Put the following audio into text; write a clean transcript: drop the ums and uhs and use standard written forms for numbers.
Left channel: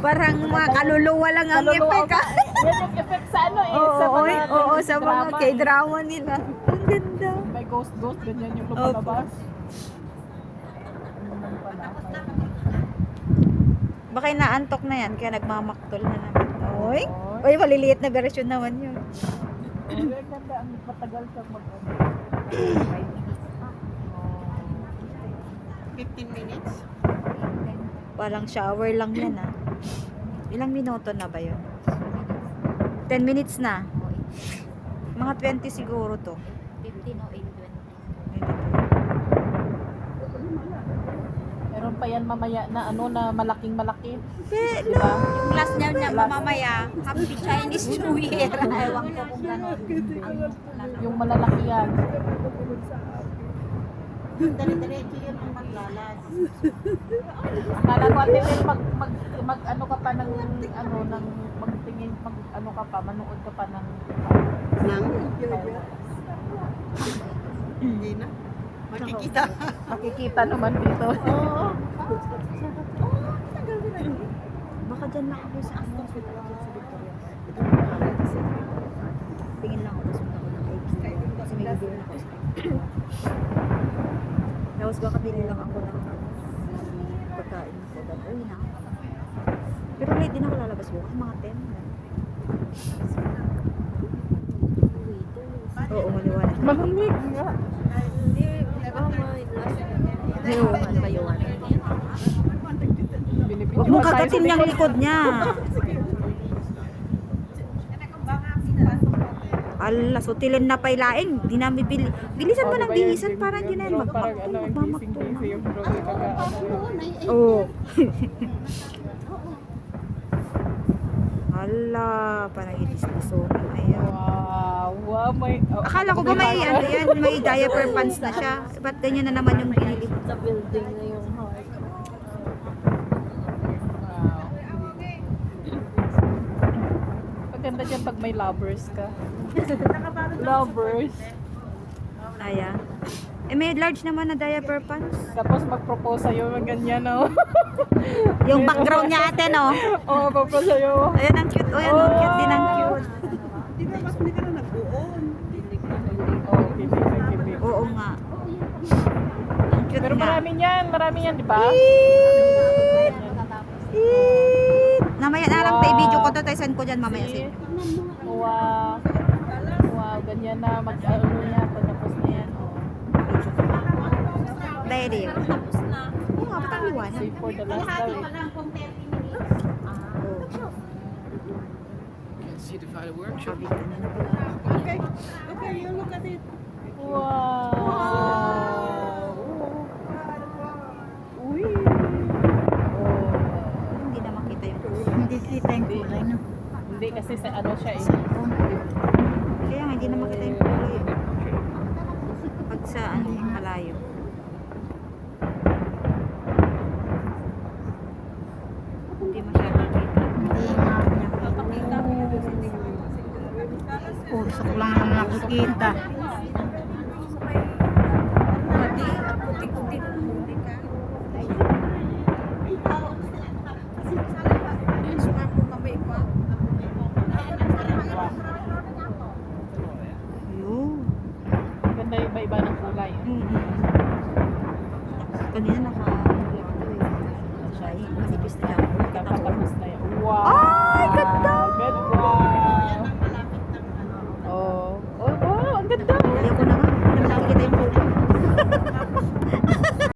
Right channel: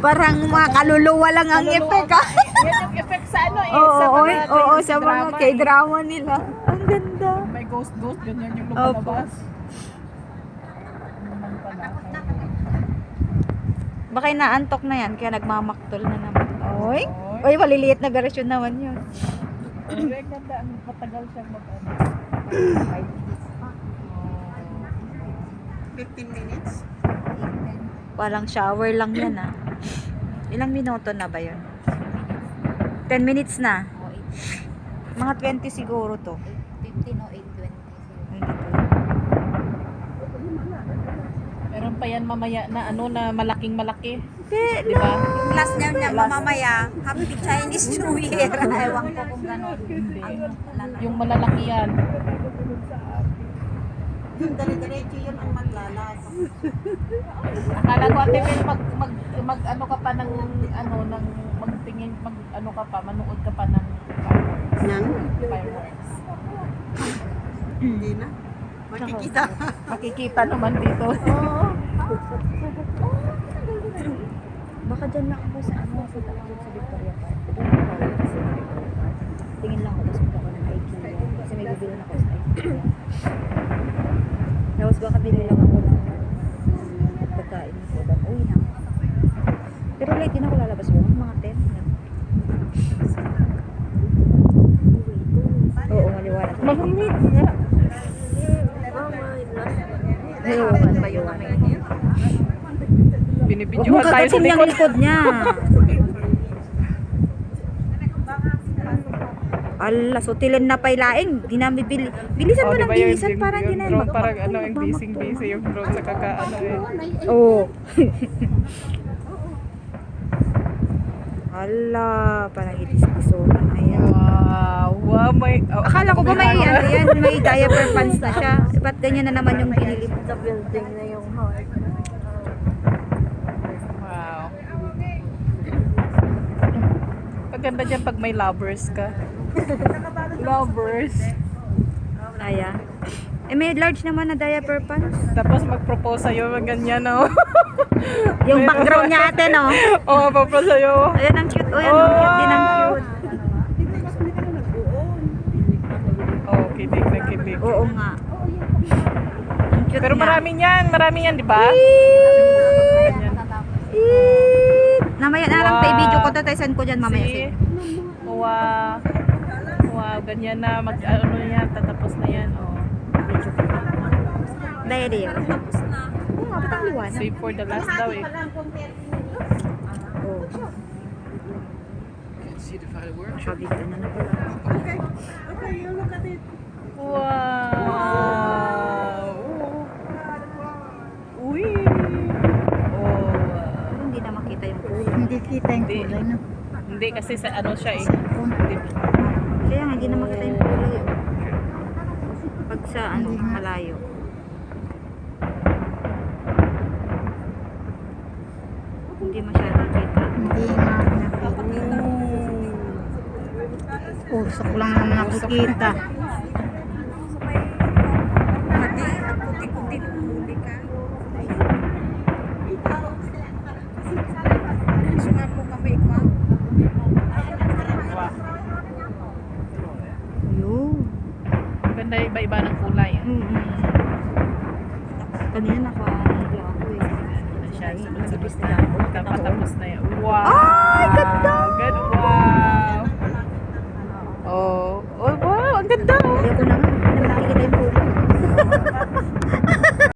Parang mga kaluluwa lang ang effect. Yan yung effect sa ano eh. Oo, sa mga K-drama nila. Ang ganda. May ghost, ganyan yung Opo. lumalabas. Baka inaantok na yan, kaya nagmamaktol na naman. Oy, oy, maliliit na version naman yun. Pero ang ganda, ang matagal siyang mag-on. 15 minutes? Walang shower lang yan ah. Ilang minuto na ba yun? 10 minutes na. Mga 20 siguro to. 15 o 8:20. Meron pa yan mamaya na ano na malaking malaki. Di ba? Yung last niya mamamaya, Happy Chinese New Year. Ewan ko kung gano'n. Yung malalaki yan. Dali-diretso yun ang maglalas. Akala ko ate Mel, mag ano ka pa ng ano ng magtingin pag ano ka pa manood ka pa ng fireworks. Hindi na. Makikita. Makikita naman dito. Baka dyan na ako sa ano, sa Victoria Park. Tingin lang ako, gusto ako ng IKEA. Kasi may bibili na ako sa IKEA. Tapos baka bili lang ako ng pagkain ko. Then, uwi na. Pero late din ako lalabas ko. Mga 10 na. Oo, maliwanag. Malamig nga. Oo, ba yung mainit? Huwag Binibidyo mo tayo sa kagatin yung likod. likod niya. Ala, sutilin na pailaing. Di namin bilisan mo Oh, lang, diba yung bilisan. Parang di na drone, parang ano, yung busy yung drone sa kakaano eh. Oo. Ala, parang ipiso. Ayan. Wow, may... oh, Akala ko ba may ano yan, may diaper pants na siya. Ba't ganyan na naman yung pinili? Sa building na yung heart. Wow. Paganda dyan pag may lovers ka. Lovers. Ayan. Eh, may large naman na diaper pants. Tapos mag-propose sa'yo, ganyan, no? Yung background niya ate, no? Oo, propose sa'yo. Ayan, ang cute. Oh, yan, ang cute din, ang cute. Oh, kinig. Oo nga. Ang cute Pero niya. marami yan, di ba? Namaya na lang tayo video ko to, tayo send ko dyan mamaya. See? Wow. Wow, ganyan na, ano yan, tatapos na yan. Oh. Diary. Tapos na. Oo nga, ba't ang liwanag? Save for the last daw eh. Oo. Can't see the fireworks. Wow. Uy. Oh. Hindi na makita yung Hindi kita yung Hindi. kulay na. Hindi kasi sa ano siya eh. kaya nga, hindi na makita yung kulay. Oh. Pag sa ano, malayo. Hindi masyadong kita. Hindi nga. Papakita. Usok lang ang nakikita. Pati, ang puti-puti ng huli ka. Sumapo kami ko. Ayun. Ganda iba-iba ng kulay. Kanina naka-ano ako eh. Siya, Nabibis na ako. tapos na yun.